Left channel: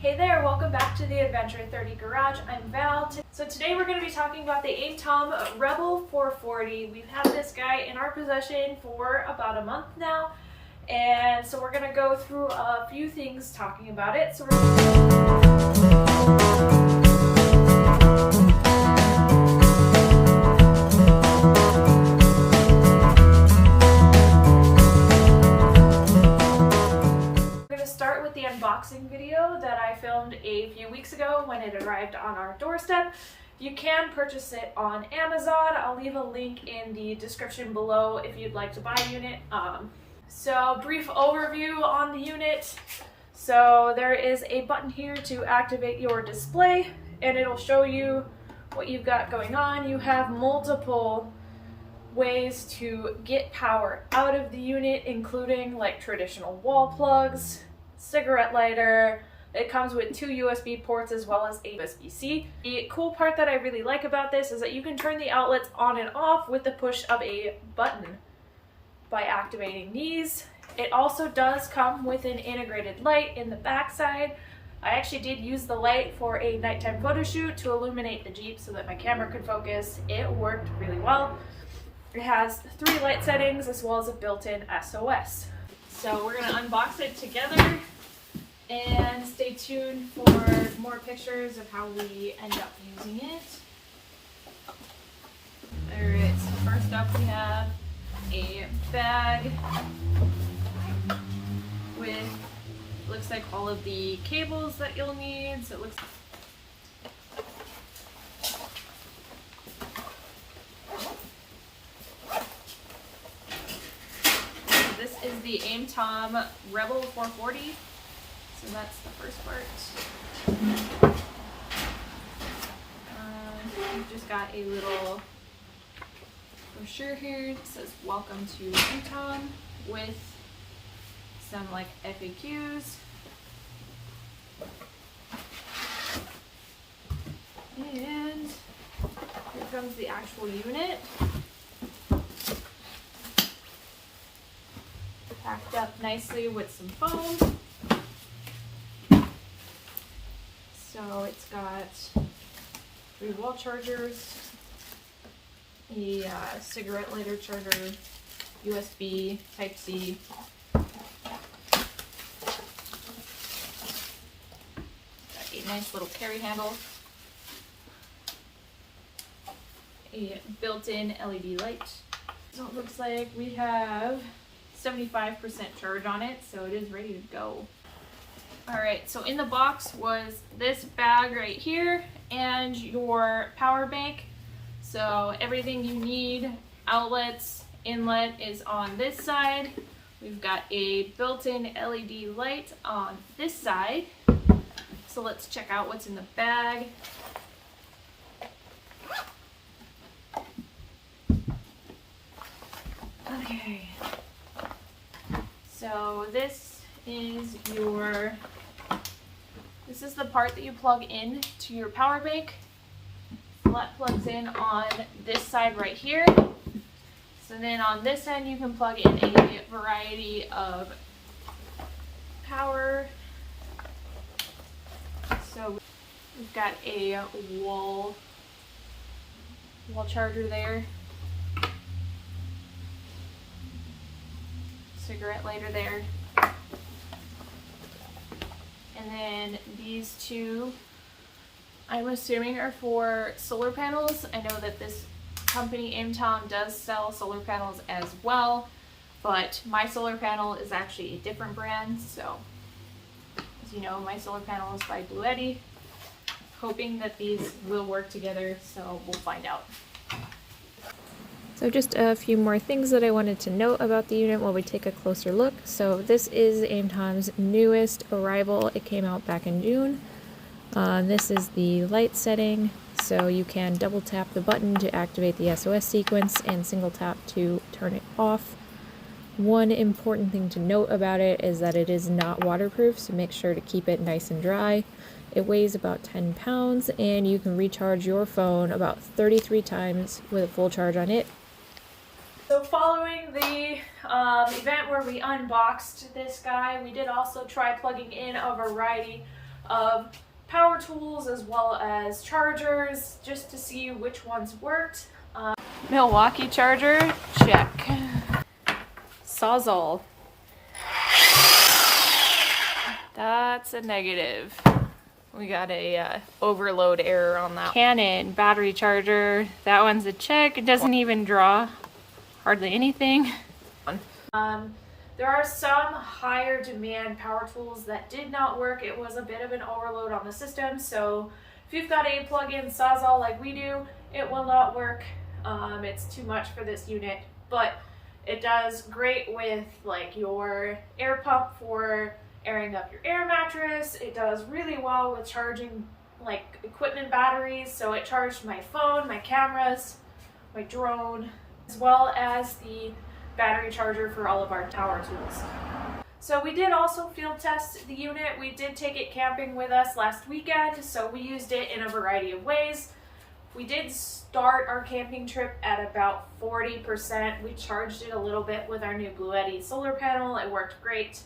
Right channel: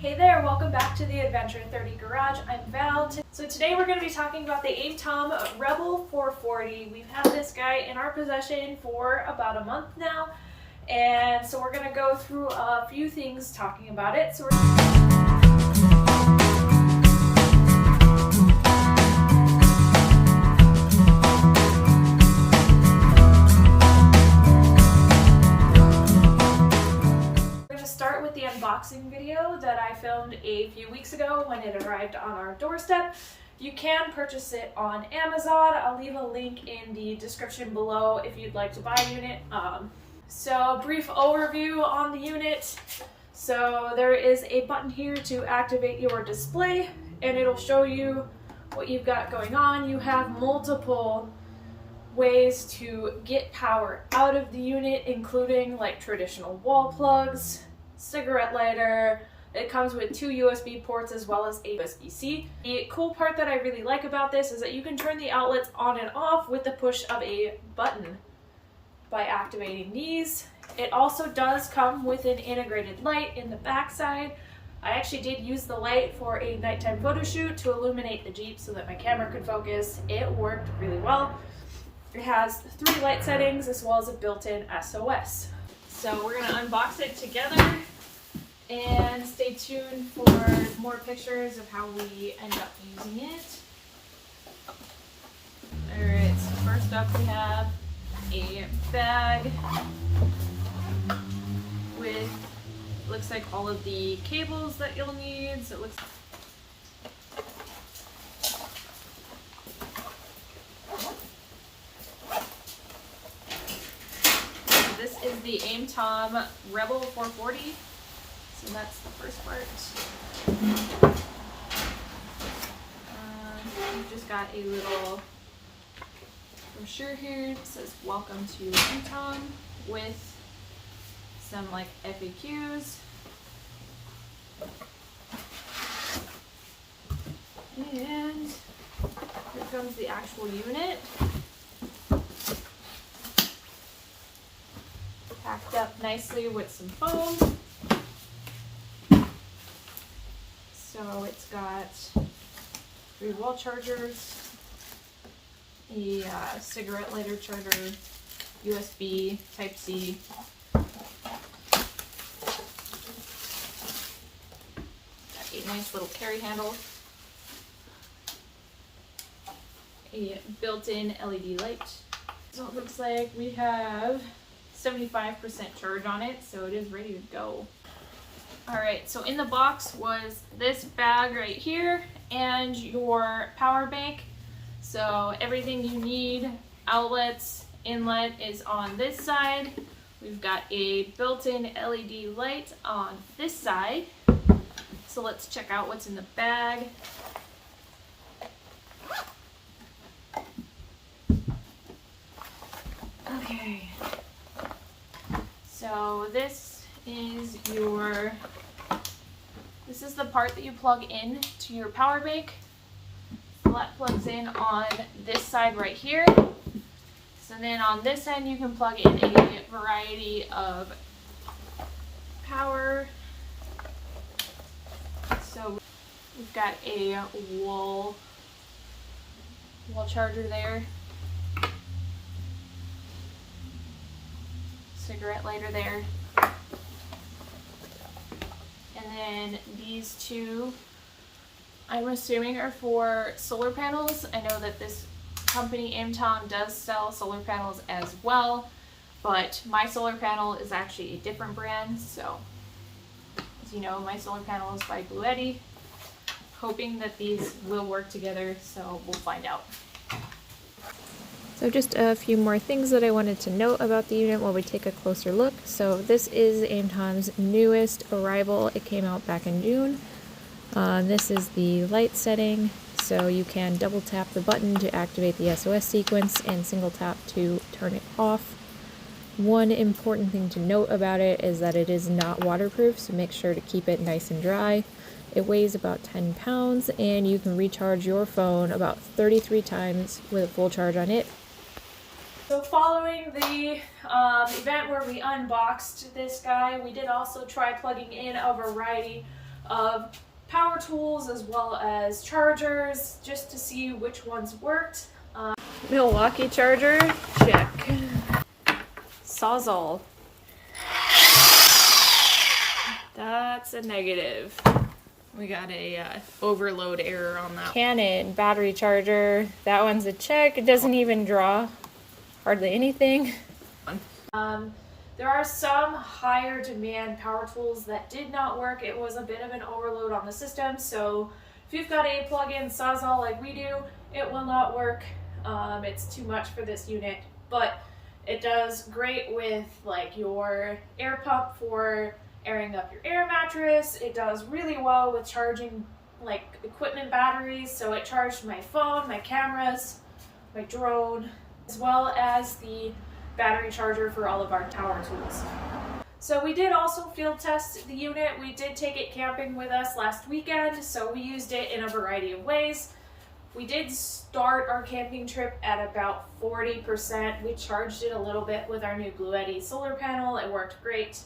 Hey there, welcome back to the Adventure 30 Garage. I'm Val. So today we're going to be talking about the AIMTOM Rebel 440. We've had this guy in our possession for about a month now, and so we're going to go through a few things talking about it. So start with the unboxing video that I filmed a few weeks ago when it arrived on our doorstep. You can purchase it on Amazon. I'll leave a link in the description below if you'd like to buy a unit. So brief overview on the unit. So there is a button here to activate your display and it'll show you what you've got going on. You have multiple ways to get power out of the unit, including like traditional wall plugs, cigarette lighter. It comes with 2 USB ports as well as a USB-C. The cool part that I really like about this is that you can turn the outlets on and off with the push of a button by activating these. It also does come with an integrated light in the back side. I actually did use the light for a nighttime photo shoot to illuminate the Jeep so that my camera could focus. It worked really well. It has 3 light settings as well as a built-in SOS. So we're gonna unbox it together and stay tuned for more pictures of how we end up using it. Alright, so first up we have a bag with, looks like all of the cables that you'll need. So it looks is the AIMTOM Rebel 440. So that's the first part. We've just got a little brochure here that says welcome to AIMTOM with some like FAQs. And here comes the actual unit. Packed up nicely with some foam. So it's got 3 wall chargers, a cigarette lighter charger, USB, Type-C. Got a nice little carry handle. A built-in LED light. So it looks like we have 75% charge on it, so it is ready to go. Alright, so in the box was this bag right here and your power bank. So everything you need, outlets, inlet, is on this side. We've got a built-in LED light on this side. So let's check out what's in the bag. Okay. So this is the part that you plug in to your power bank. So that plugs in on this side right here. So then on this end you can plug in a variety of power. So we've got a wall charger there. Cigarette lighter there. And then these 2, I'm assuming, are for solar panels. I know that this company, AIMTOM, does sell solar panels as well, but my solar panel is actually a different brand. So, as you know, my solar panel is by Blue Eddy. Hoping that these will work together, so we'll find out. So just a few more things that I wanted to note about the unit while we take a closer look. So this is AIMTOM's newest arrival. It came out back in June. This is the light setting, so you can double tap the button to activate the SOS sequence and single tap to turn it off. One important thing to note about it is that it is not waterproof, so make sure to keep it nice and dry. It weighs about 10 pounds and you can recharge your phone about 33 times with a full charge on it. So following the event where we unboxed this guy, we did also try plugging in a variety of power tools as well as chargers just to see which ones worked. Milwaukee charger, check. Sawzall. That's a negative. We got a overload error on that. Canon battery charger. That one's a check. It doesn't even draw hardly anything. There are some higher demand power tools that did not work. It was a bit of an overload on the system. So if you've got a plug-in Sawzall like we do, it will not work. It's too much for this unit, but it does great with like your air pump for airing up your air mattress. It does really well with charging like equipment batteries. So it charged my phone, my cameras, my drone, as well as the battery charger for all of our tower tools. So we did also field test the unit. We did take it camping with us last weekend, so we used it in a variety of ways. We did start our camping trip at about 40%. We charged it a little bit with our new Bluetti solar panel. It worked great.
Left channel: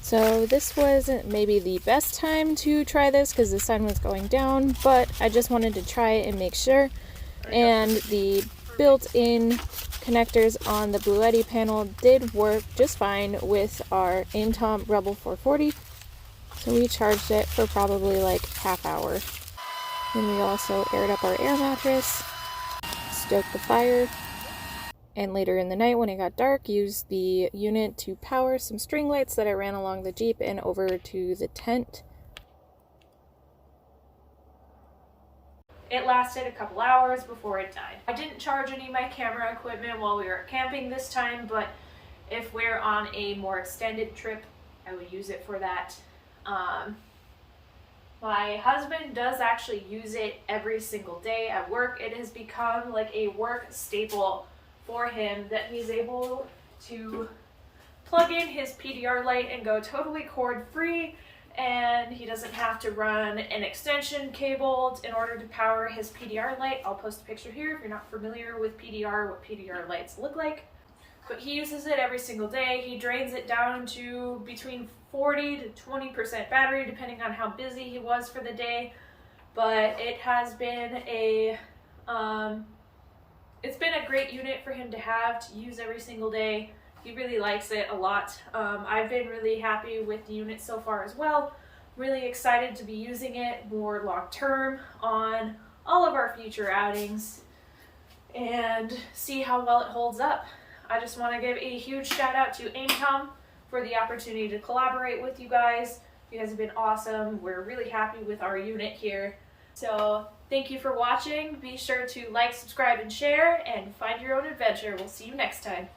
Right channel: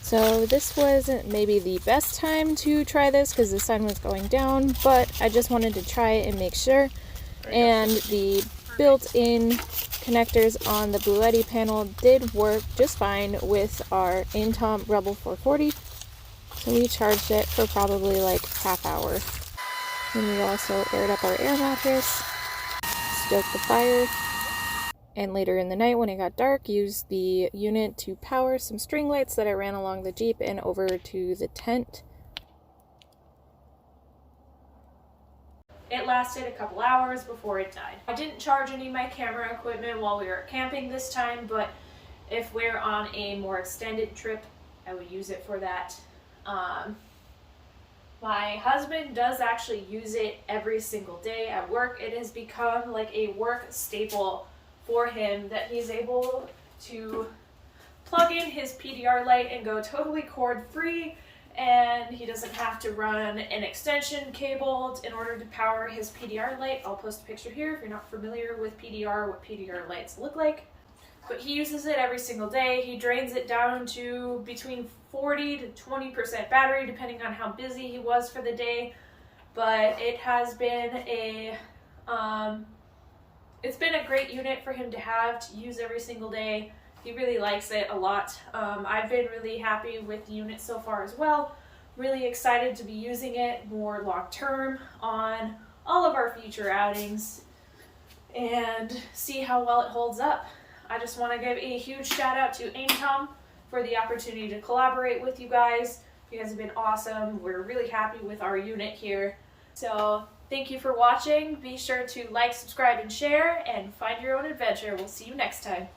So this wasn't maybe the best time to try this because the sun was going down, but I just wanted to try it and make sure. And the built-in connectors on the Bluetti panel did work just fine with our AIMTOM Rebel 440. So we charged it for probably like half hour. Then we also aired up our air mattress, stoked the fire, and later in the night when it got dark, used the unit to power some string lights that I ran along the Jeep and over to the tent. It lasted a couple hours before it died. I didn't charge any of my camera equipment while we were camping this time, but if we're on a more extended trip, I would use it for that. My husband does actually use it every single day at work. It has become like a work staple for him that he's able to plug in his PDR light and go totally cord free, and he doesn't have to run an extension cable in order to power his PDR light. I'll post a picture here if you're not familiar with PDR, what PDR lights look like. But he uses it every single day. He drains it down to between 40 to 20% battery, depending on how busy he was for the day. But it has been it's been a great unit for him to have to use every single day. He really likes it a lot. I've been really happy with the unit so far as well. Really excited to be using it more long term on all of our future outings and see how well it holds up. I just want to give a huge shout out to AIMTOM for the opportunity to collaborate with you guys. You guys have been awesome. We're really happy with our unit here. So thank you for watching. Be sure to like, subscribe, and share, and find your own adventure. We'll see you next time.